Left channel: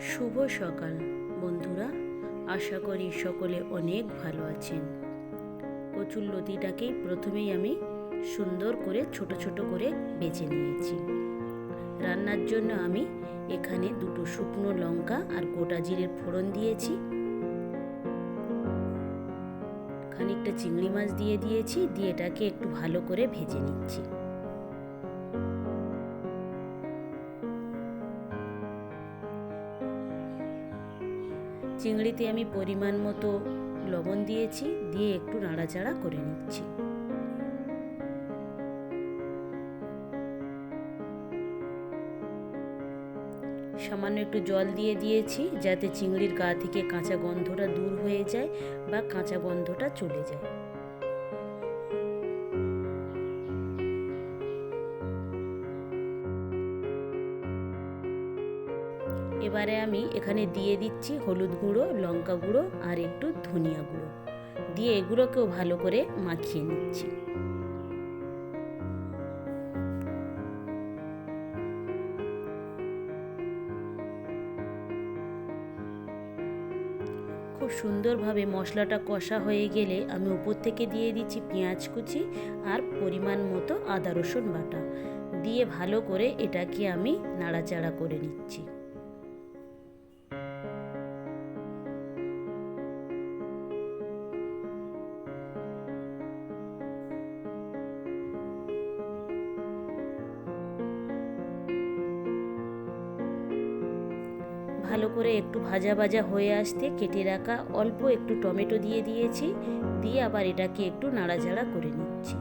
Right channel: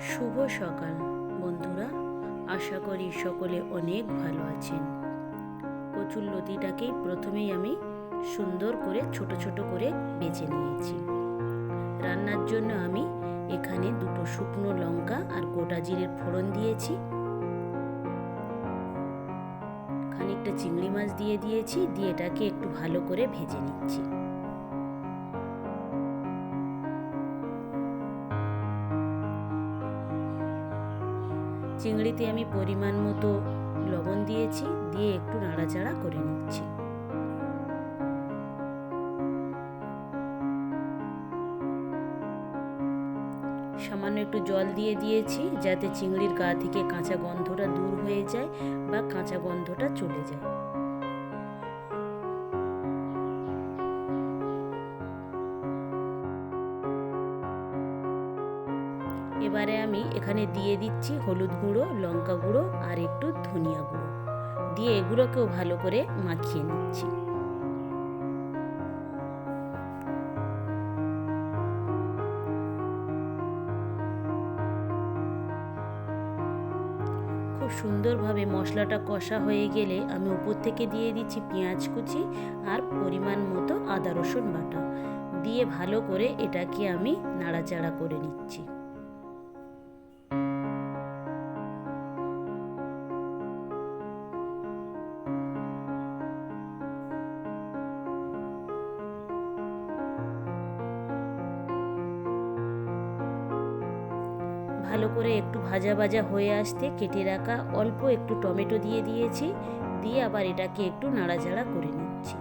শুভ সকাল, বন্ধুরা। আশা করি সকলে অনেক ভালো আছেন। কচুর লতিটাকেই প্রথমেই আমি সুন্দর করে, ছোট ছোট করে বেছে নিয়েছি। রান্নার জন্য আমি এখানে দুটো শুকনো লঙ্কা আর গোটা জিরের ফোড়ন দিয়েছি। খানিকটা চিংড়ি মাছ দিয়ে দিয়েছি, দিয়ে এটাকে একটু ভালো করে ভেজে নিচ্ছি। চিংড়িতে আমি পরিমাণ মতো লবণ দিয়েছি, দিয়ে একটু নাড়াচাড়া করে নিচ্ছি। সামান্য একটু জল দিয়ে দিয়েছি, যাতে চিংড়ির গা থেকে কাঁচা গন্ধটা দূর হয়ে যায় বা কাঁচা গন্ধটা চলে যায়। এবারে আমি এখানে দিয়ে দিচ্ছি হলুদ গুঁড়ো, লঙ্কা গুঁড়ো আর একটু ধনিয়া গুঁড়ো। দিয়ে এগুলোকেও ভালো করে মাখিয়ে নিচ্ছি। খুব সুন্দরভাবে মশলাটা কষা হয়ে গেলে আমি উপর থেকে দিয়ে দিচ্ছি পেঁয়াজ কুচি আর পরিমাণ মতো আদা রসুন বাটা। দিয়ে ভালো করে এটাকে আমি নাড়াচাড়া করে নিচ্ছি। ভালো করে একটু ভাজা ভাজা হয়ে আসতে কেটে রাখা অল্প একটু টমেটো দিয়ে দিয়েছি, দিয়ে আবার এটাকে একটু নাড়াচাড়া করে নিচ্ছি।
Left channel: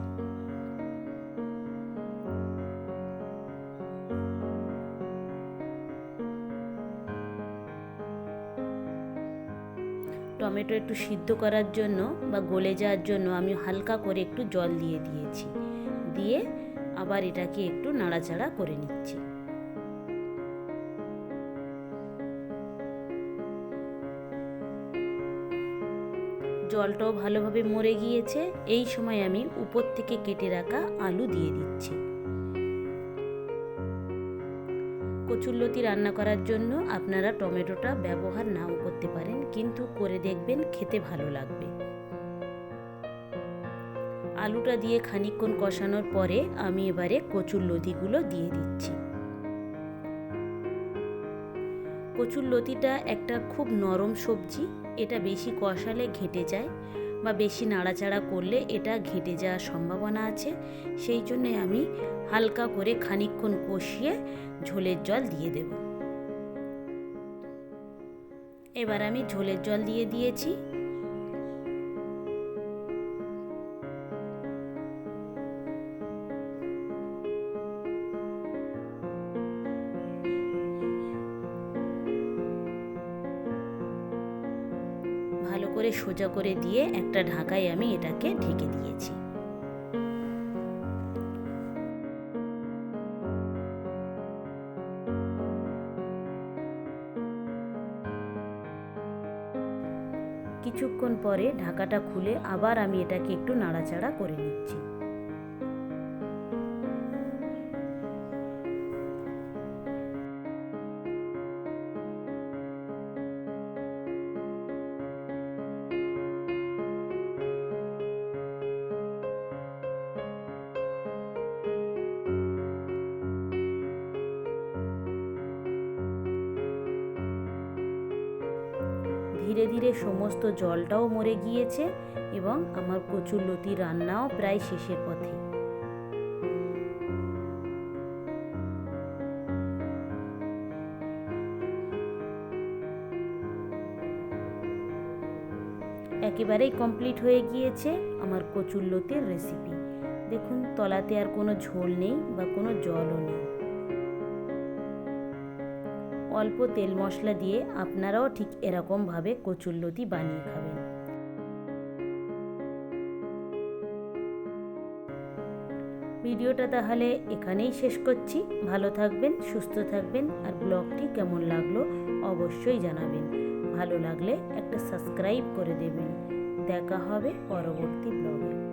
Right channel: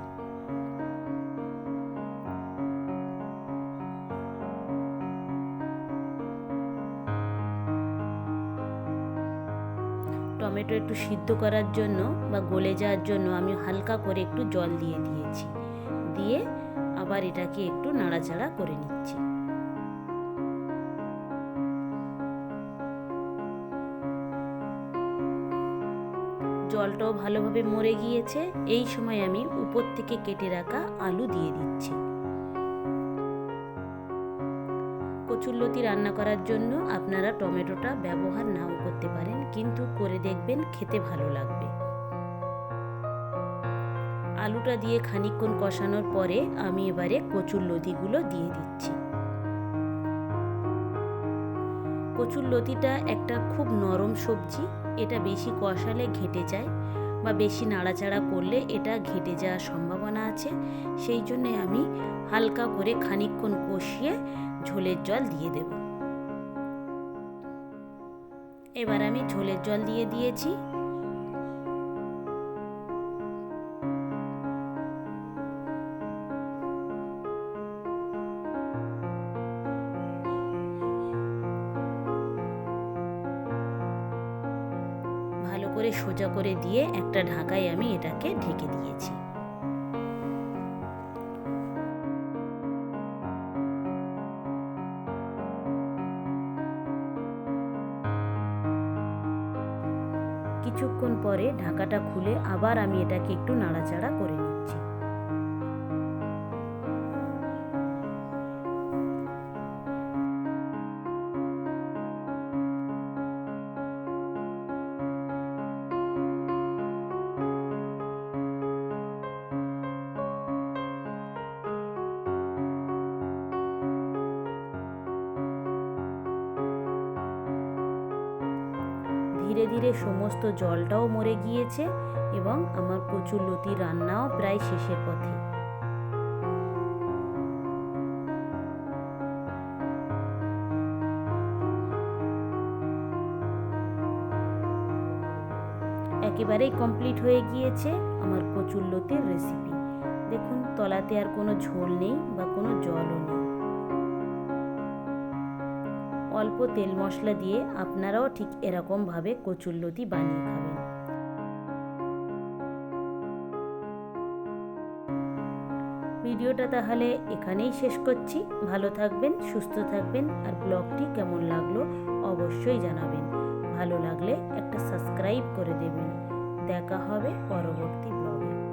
টমেটো একটু সিদ্ধ করার জন্য বা গলে যাওয়ার জন্য আমি হালকা করে একটু জল দিয়ে দিয়েছি, দিয়ে আবার এটাকে একটু নাড়াচাড়া করে নিচ্ছি। জলটাও ভালোভাবে মরে গিয়েছে। এই সময় আমি উপর থেকে কেটে রাখা আলু দিয়ে দিচ্ছি। কচুরলতি রান্না করার জন্য আপনারা টমেটোটা ব্যবহার নাও করতে পারেন, কিন্তু করে দেখবেন খেতে ভালো লাগবে। আলুটা দিয়ে খানিকক্ষণ কষানোর পরে আমি এবারে কচুর লতিগুলো দিয়ে দিচ্ছি। কচুর লতিটা একটা খুব নরম সবজি এটা বেশি কষালে ঘেটে যায় বা বেশি নাড়াচাড়া করলে এটা ঘেটে যাওয়ার সম্ভাবনা আছে। সেই জন্যে আমি হালকা করে খানিক্ষণ কষিয়ে ঝোলের জল দিয়ে দেব। এবার আমি ঝোলের জল দিয়ে দিয়েছি। ভালো করে সোজা করে দিয়ে একটা ঢাকায় আমি এটাকে ঢেকে দিয়েছি। কিছুক্ষণ পরে ঢাকাটা খুলে আবার আমি এটাকে একটু নাড়াচাড়া করে নিচ্ছি। ধীরে ধীরে সমস্ত জলটাও মরে গিয়েছে এবং আমার কচুর লতি রান্নাও প্রায় শেষের পথে। একেবারেই কমপ্লিট হয়ে গিয়েছে আমার কচুর লতির রেসিপি দেখুন, তলাতে আর কোনো ঝোল নেই বা কোনো জলও নেই। অল্প তেল মশলা দিয়ে আপনারাও ঠিক এরকমভাবে কচুরলতি বানিয়ে খাবেন। ভিডিওটা তাহলে এখানেই শেষ করছি। ভালো থাকবেন, সুস্থ থাকবেন আর ব্লগটি কেমন লাগল অবশ্যই জানাবেন। ভালো লাগলে একটা সাবস্ক্রাইব করে দেবেন। দেখা হবে পরবর্তী ব্লগে।